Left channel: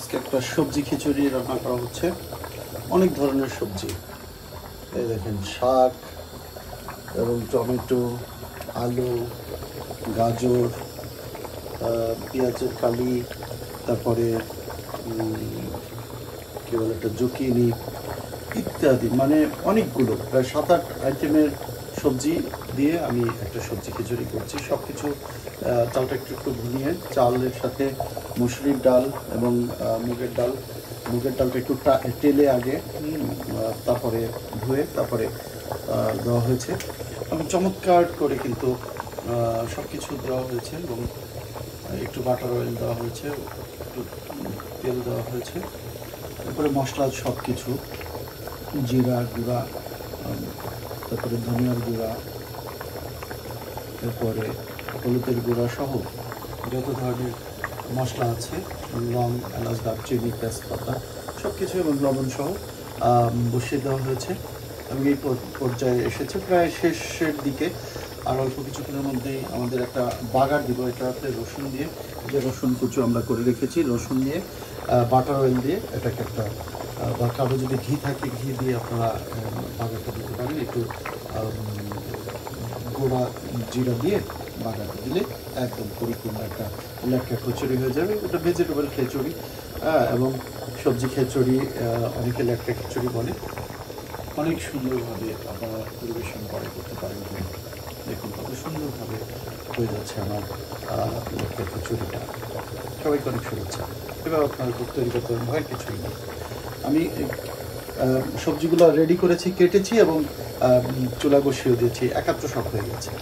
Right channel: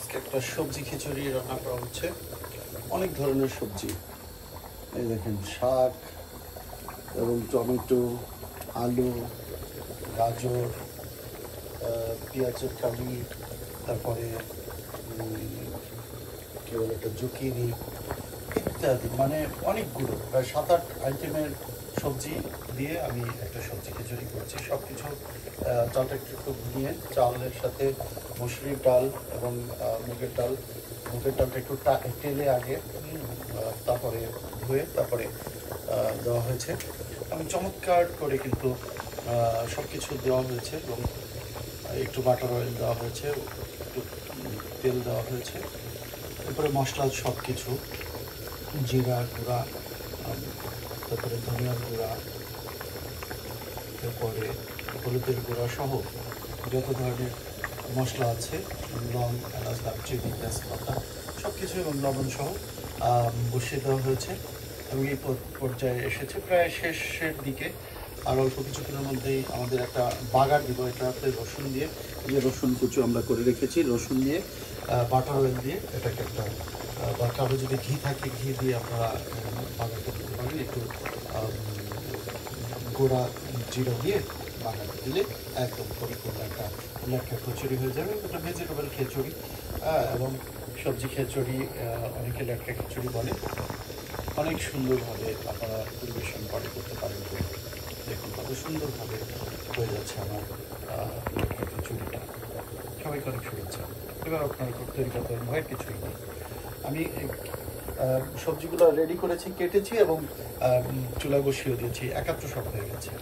আজকে একটা সবজি খিচুড়ি রান্না করা হচ্ছে। অনেক ধরনের সবজি, এই দেখেন শাক এবং টমেটো, আলু, গাজর, পেঁয়াজের কালি, তারপরে কী বলে একটা জুকিনি ইত্যাদি, মানে অনেকগুলো প্রায় 7-8 আইটেমের সবজি দিয়ে আমি একটা সবজি খিচুড়ি করছি। সব কিছু চালটা একটু একটু ভুনিয়ে চালের সাথে মুসুরির ডাল এবং মুগের ডাল, মুগের ডালটা একটু টেলে আগে তারপরে ধুয়ে তারপরে দেওয়া হয়েছে এবং চমৎকার করে কিন্তু সব কিছু দেওয়া হয়েছে এবং একটু বাটার অয়েল দেওয়া হয়েছে, একটু তেল দেওয়া হয়েছে, তারপরে মশলা সব কিছু জিরা গুঁড়া, তারপরে ধনিয়ার গুঁড়া, তারপরে হলুদের গুঁড়া সহ যত ধরনের মশলা আছে, লং, এলাচ, দারচিনি, তেজপাতা সব কিছু এবং লবণ সহ বসিয়ে দেওয়া হয়েছে এবং এই পর্যায়ে এসেছে প্রায় শেষের দিকে। আর অল্প কিছুক্ষণের মধ্যেই আমাদের একটা বাগার দিব, এটাতে রসুন দিয়ে, যে রসুন কুচু আমরা করে রেখেছি, রসুন দিয়ে বাটার অয়েল দিয়ে এটাকে একটা, বা কারো যদি ঘি থাকে ঘি দিয়ে আপনারা বাগারটা দিতে পারেন, একটু গোড়া জিরা দিয়ে বাগারটা দিলে একদম পরিপূর্ণ একটা লেটকা খিচুড়ি হয়ে যাবে। ওটা ভেজিটেবল খিচুড়ি এবং সবজি খিচুড়ি, অনেকে লেটকা খিচুড়ি বলে। অনেক সুন্দরভাবে আপনারা পরিবেশন করতে পারেন। দেখুন কত সুন্দরভাবে হয়ে যাচ্ছে আমার লেটকা খিচুড়িটা। সবাইকে অনেক শুভেচ্ছা। এবার আপনারা তৈরি করতে পারেন ভয়ের কিছুই নেই। আমি সবজিগুলো রেডি করেছি, কেটেছি এবং চুলা বসিয়ে দিয়েছি, একাত্র সব হয়ে গেছে।